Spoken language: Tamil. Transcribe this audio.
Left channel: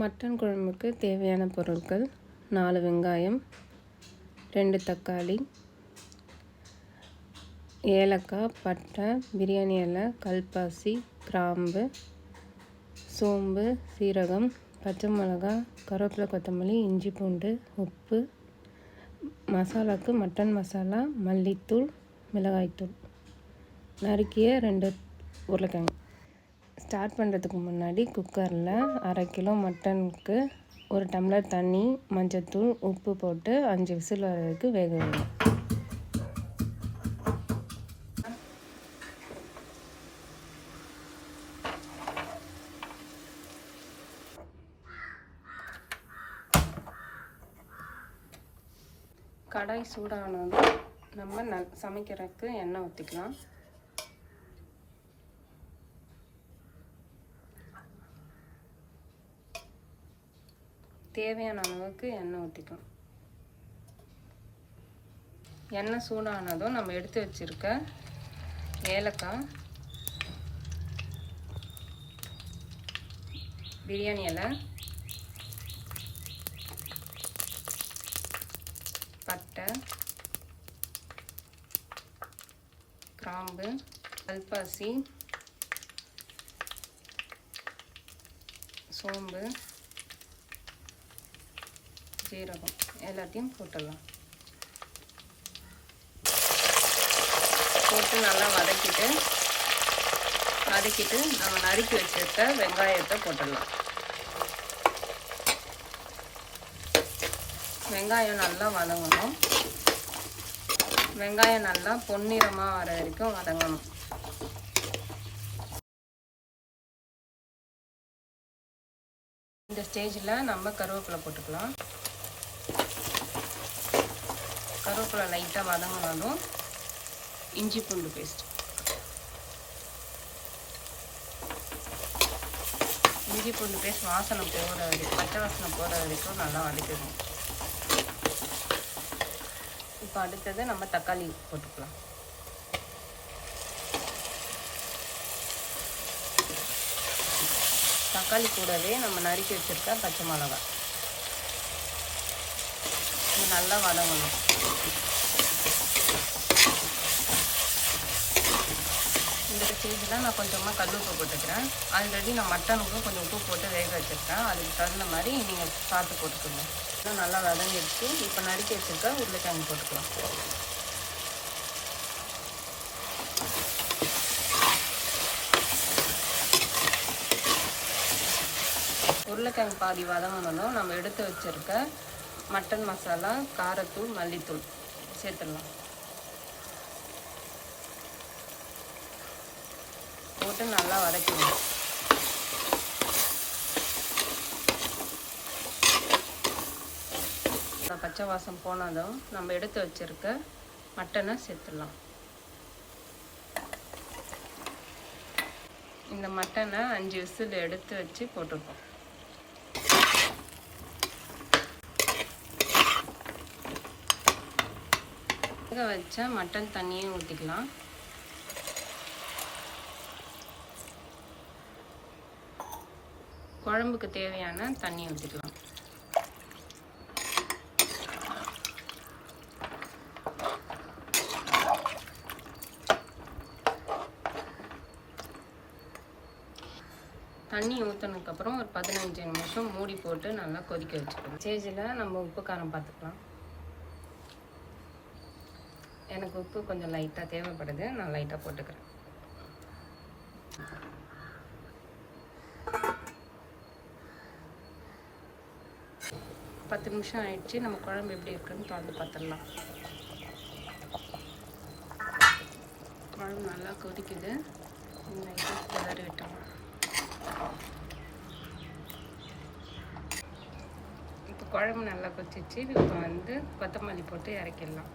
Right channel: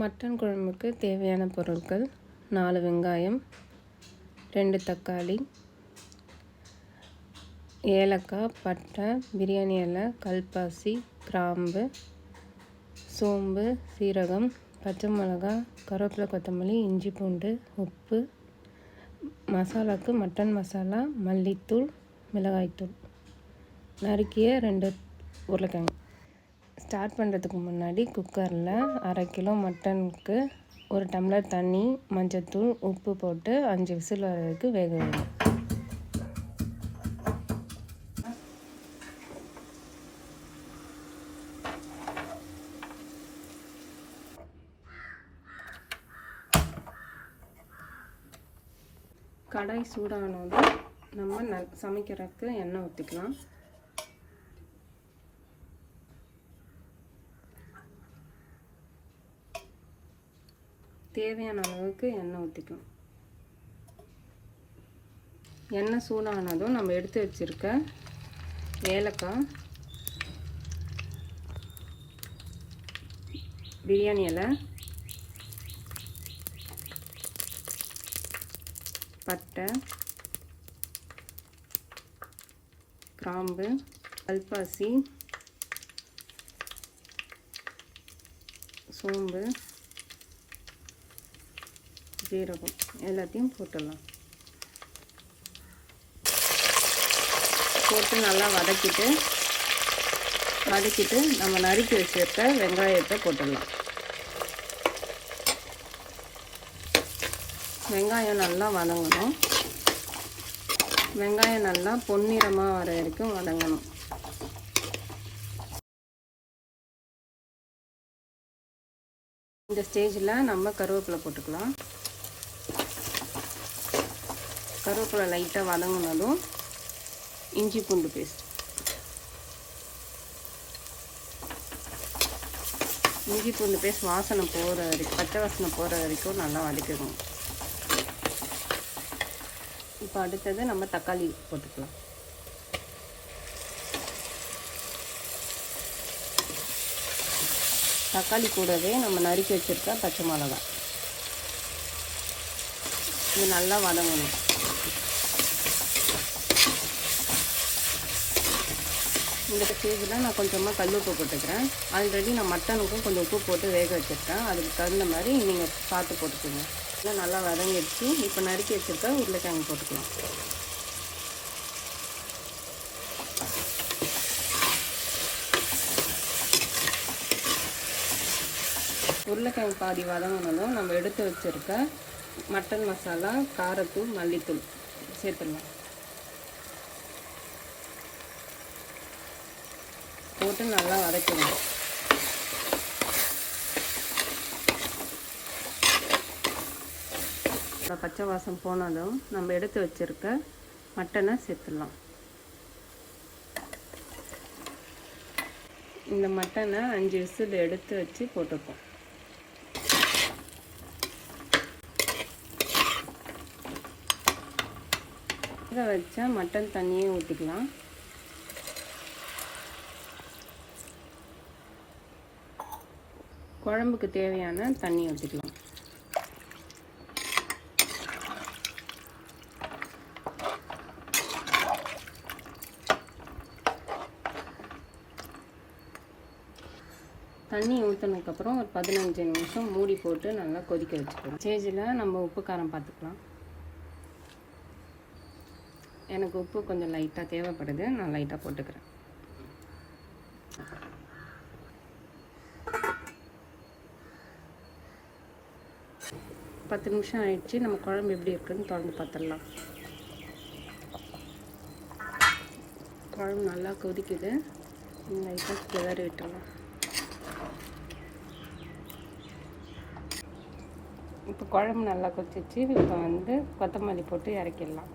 மட்டன் குழம்புக்கு தேவையான பொருட்கள் நாலு வெங்காயம் ரெண்டு தக்காளி ஏலக்காய் பட்டை பிரியாணி இலை கல்பாசி கிராம்பு சோம்பு சீரகம் பச்சை மிளகா கருவேப்பிலை கொத்தமல்லி இஞ்சி பூண்டு உப்பு மசாலாவுக்கு மட்டன் மசாலா மல்லித்தூள் மிளகாய்த்தூள். நறுக்கிய ரெண்டு உருளைக்கிழங்கு. ஸ்டார்ட் பண்ணுறதுக்கு முன்னாடி குக்கரில் அரை கிலோ மட்டனுக்கு ஒரு டம்ளர் தண்ணி மஞ்சத்தூள் உப்பு போட்டு அஞ்சு விசில் வரதுக்கு வேக வேணும் கடாய் சூடானதும் நம்ம ந சமைக்கிறதுக்கு எண்ணெய் ஊற்றிக்கலாம் தேவையான அளவுக்கு எண்ணெய் ஊற்றிக்கணும் எண்ணெய் சூடானதும் நம்ம எடுத்து வச்சுருக்க ஏலக்காய் பிரியாணி இலை பட்டை கிராம்பு கல்பாசி சோம்பு சீரகம். எல்லாத்தையும் போட்டுடலாம். போட்டு நல்லா வதக்கிட்டு வதக்கிட்டு நம்ம நறுக்கி வச்சுருக்க வெங்காயத்தை போட்டுடலாம். வெங்காயம் நல்லா வதங்கணும். வெங்காயம் நல்லா பொன்னிறமாக வர வரைக்கும் வதங்கணும். இந்த ஸ்டேஜில் நம்ம கருவேப்பிலை போட்டுக்கலாம். கருவேப்பிலை லைட்டாக வதங்கினதும் இஞ்சி பூண்டு பேஸ்ட் இஞ்சி பூண்டு பேஸ்ட் வாசனை போகிற வரைக்கும் பச்சை வாசனை போகிற வரைக்கும் நல்லா வதக்கிடணும். இப்போ அடுத்தது நம்ம தக்காளி போட்டுக்கலாம். தக்காளி கூடவே நம்ம நறுக்கி வச்சுருக்க பச்சை மிளகா இது நல்லா வதங்கணும் இந்த ஸ்டேஜில் நான் கொஞ்சமாக கல் உப்பு போட்டுக்கிறேன் ஆல்ரெடி நான் மட்டனுக்கும் கொஞ்சம் உப்பு போட்டு வேக வச்சுருக்கேன் அதுக்கு தகுந்த மாதிரி நீங்கள் சாப்பிட்டு போட்டுக்கோங்க. எல்லாம் நல்லா வதங்கிடுச்சு. இப்போ நறுக்கி வச்சுருக்கா உருளைக்கிழங்கு போட்டுக்கலாம். உருளைக்கிழங்கு பாதி வதங்கினதும் நம்ம எடுத்து வச்சுருக்க மட்டன் மசாலா காரத்தூள் மல்லித்தூள் சேர்த்துடலாம். போட்டு நல்லா வதக்கணும். பச்சை வாசம் போனதும் நம்ம எடுத்து வச்சிருக்க மட்டனை சேர்த்துடலாம். இந்த மட்டனை அஞ்சு விசில் எடுத்து வச்சு போட்டிருக்கோம். வேக வச்ச மட்டன் தண்ணியும் ஊற்றிக்கலாம் குழம்புக்கு தேவையான தண்ணி ஊற்றிக்கலாம் தண்ணி ஊற்றினதுக்கப்புறம் ஒரு பதினஞ்சு நிமிஷம் மூடி போட்டு நல்லா கொதிக்க வச்சுக்கலாம். சேஜில் நம்ம உப்பு காரம் பார்த்துக்கலாம். எனக்கு உப்பு கொஞ்சம் லைட்டாக தேவைப்படுது. நான் லைட்டாக போட்டுக்கிறேன். பத்து நிமிஷம் ஆயிடுச்சு. நம்ம குழம்பு எப்படி இருக்குன்னு திறந்து பார்த்துடலாம். குழம்பு நல்லா கொதிக்குது. லைட்டாக கிளறி விட்டுலாம் இப்போ குழம்பு நல்லா கொதிச்சிச்சு இப்போ வந்து கொத்தமல்லி போட்டு இறக்கிடலாம்.